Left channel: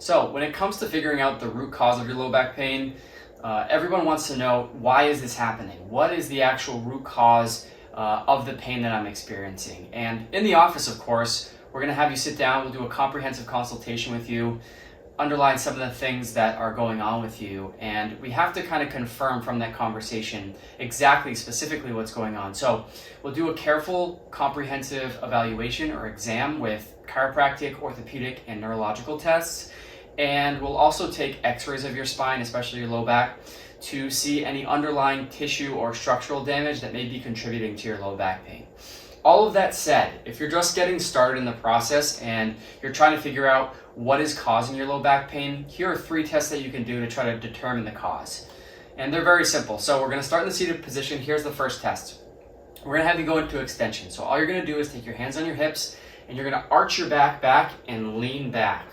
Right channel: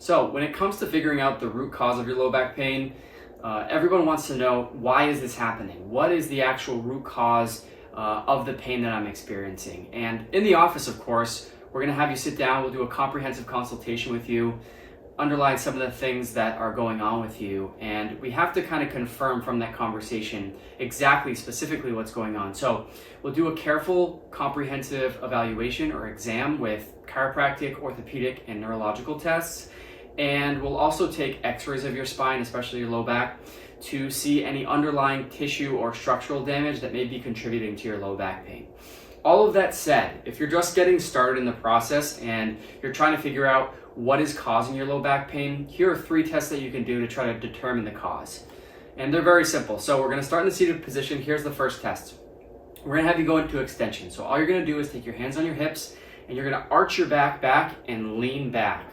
So when it comes to figuring out the root cause of your low back pain, everyone wants to know, why is this happening? What is the actual root cause of the pain that I'm experiencing? And in the office, of course, we're going to have you sit down. We'll do a comprehensive consultation with you, underline some of the things that are going on with you, and we have to kind of confirm from that conversation exactly, specifically what's going on. So we'll do a careful, comprehensive evaluation or exam with chiropractic, orthopedic, and neurological tests. And we'll also take x-rays of your spine, especially your low back, to see any underlying tissue or structural damage that may be contributing to your low back pain. All of that said, if you're just getting started in the process and you're trying to figure out what is causing your low back pain, here are 3 tests that you can do to try to determine the cause. And they're very simple. So we're going to start in the seated position. Here's the first test. We're going to have you go into extension. So all you're going to do is take your hands on your hips and you're going to arch your back and lean back.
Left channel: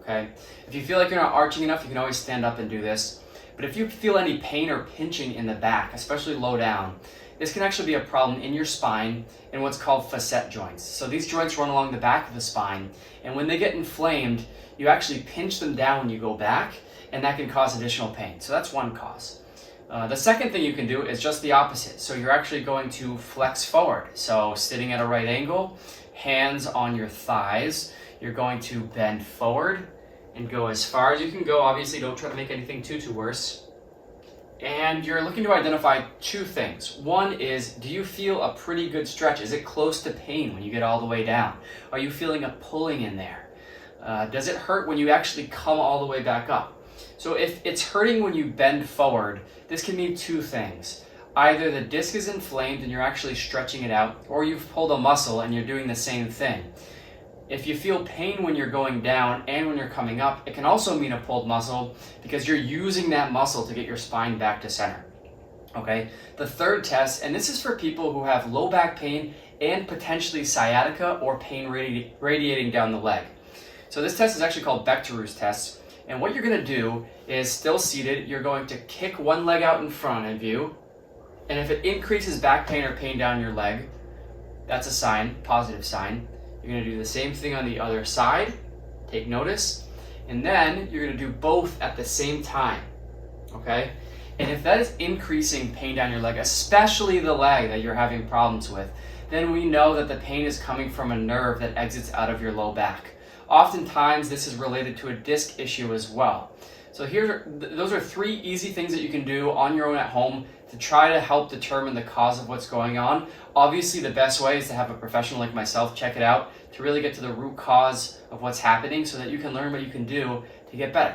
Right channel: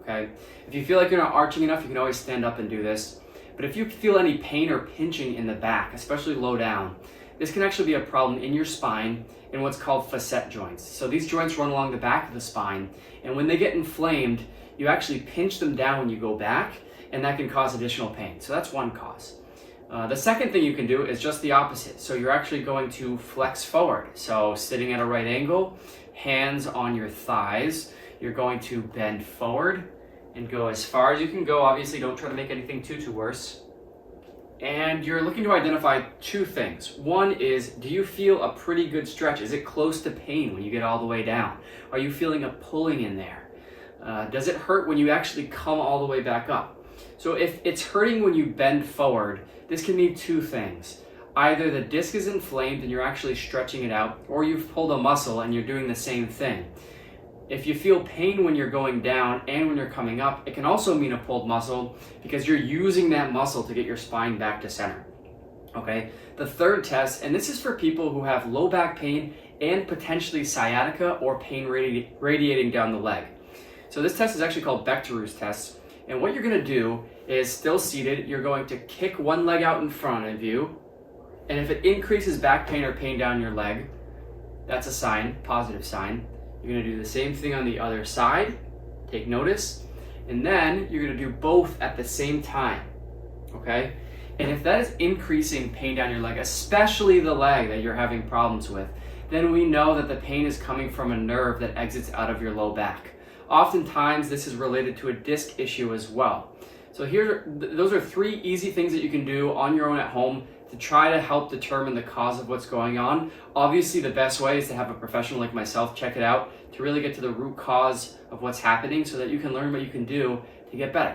Okay? If you feel like you're not arching enough, you can always stand up and do this. But if you feel any pain or pinching in the back, especially low down, this can actually be a problem in your spine in what's called facet joints. So these joints run along the back of the spine, and when they get inflamed, you actually pinch them down when you go back, and that can cause additional pain. So that's one cause. The second thing you can do is just the opposite. So you're actually going to flex forward. So sitting at a right angle, hands on your thighs, you're going to bend forward and go as far as you can go. Obviously, don't try to make anything too worse. And you're looking to identify 2 things. One is, do you feel a pretty good stretch? Is it close to pain when you get all the way down? Are you feeling a pulling in there? Does it hurt when you actually come all the way back up? So if it's hurting when you bend forward, this can mean 2 things. Either the disc is inflamed and you're actually stretching it out, or you've pulled a muscle and you're doing the same thing. If you feel pain when you're going down and when you're coming up, it can also mean a pulled muscle because you're using that muscle to get your spine back to center. Okay? The third test, and this is for people who have low back pain and potentially sciatica or pain radiating down the leg. So this test is actually called 𝑩𝒄𝒉𝒕𝒆𝒏𝒔𝒊𝒐𝒏 test. And what you're going to do is, still seated, you're going to kick one leg out in front of you. And if it increases back pain or pain down your leg, that's a sign, positive sign. You're going to do the same thing on the other side, take notice, and then you're going to do both at the same time, okay? And if that is increasing pain down your leg, especially the leg that you're having problems with, then we know that the pain is coming from a nerve that exits out of your low back. Oftentimes, this is related to a disc issue as well. So those are 3 easy things that you can do on your own at home to try to help determine the cause of what's going on. Obviously, the best way is to have a professional like myself check it out to really get to the root cause of what's happening so that you can learn what you can do to get better.